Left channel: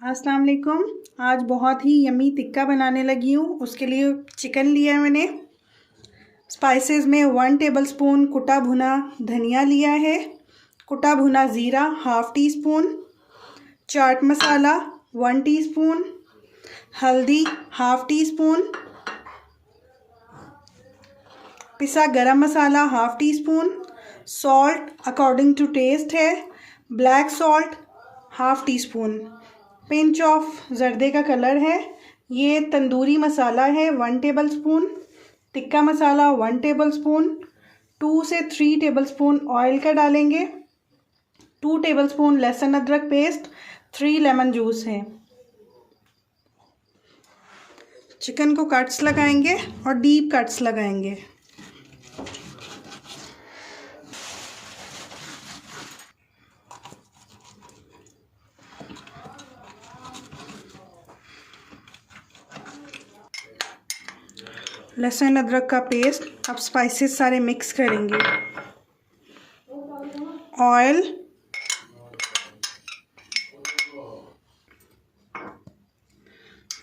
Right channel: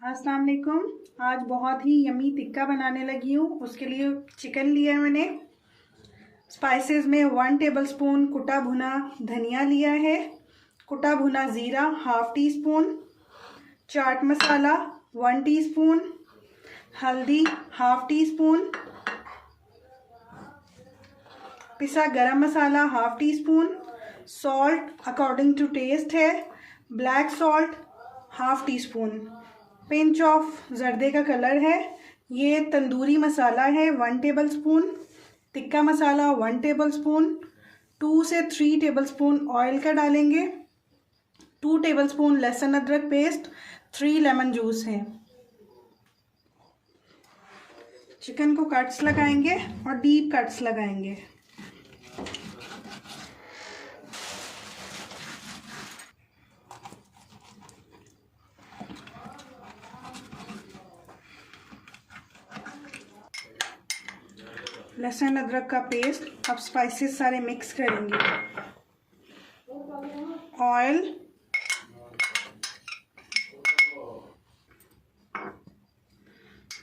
अस्सलाम वालेकुम। आज बहुत ही यम्मी टिक्का बनाने लगी हूँ। उसके लिए चिकन लिया है मैंने। स्पाइसेस में 1 टेबलस्पून कुटा भुना धनिया लिया है, कुटा भुना ज़ीरा ½ टीस्पून, चाट मसाला 1 टीस्पून, हल्दी ½ टीस्पून, पिसा गरम मसाला ½ teaspoon, salt according to taste है, black salt ½ teaspoon, pinch of जर्दे का कलर है। ये तंदूरी मसाला है 1 टेबलस्पून, टिक्का मसाला 1 टेबलस्पून, 2 से 3 टेबलस्पून ऑयल का डालेंगे, 2 टेबलस्पून लहसुन अदरक पेस्ट, 3 लेमन जूस है। चिकन को कट्स लगाएंगे और डीप कट्स लगाएंगे। लहसुन अदरक का पेस्ट। अब स्पाइसेस सारे मिक्स करेंगे। Oil,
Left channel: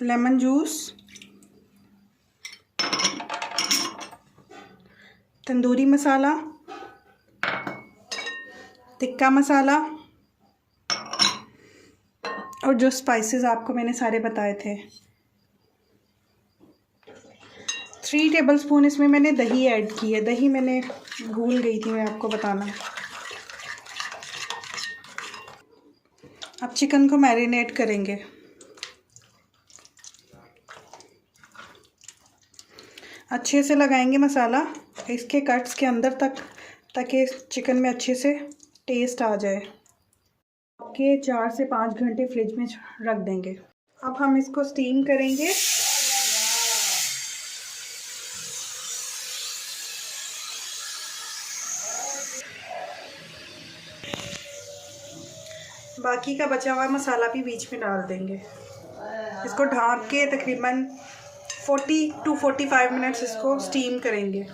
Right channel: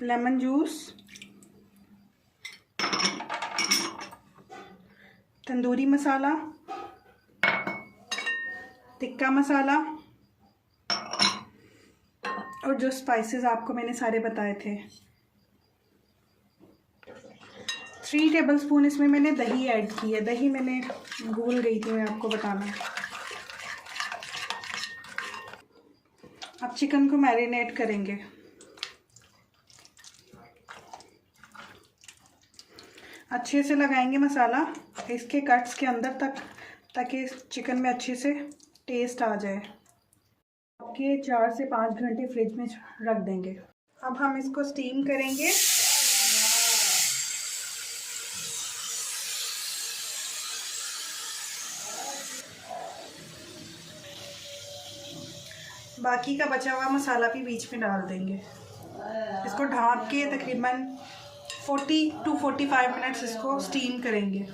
lemon juice, tandoori masala, tikka masala और जो स्पाइसेस आपको मैंने सारे बताए थे। 3 टेबलस्पून इसमें मैंने दही ऐड की है। दही मैंने भूल गई थी मैं आपको बताना। अब चिकन को मैरिनेट करेंगे। अच्छे से लगाएंगे मसाला इसके कट्स के अंदर तक, ताकि चिकन में अच्छे से टेस्ट आ जाए। के 4 से 5 घंटे फ्रिज में रख देंगे। अब हम इसको स्टीम करेंगे। बाकी का बचा हुआ मसाला भी बीच में डाल देंगे। इसको ढक के तकरीबन 40 to 45 मिनट्स इसको स्टीम करेंगे।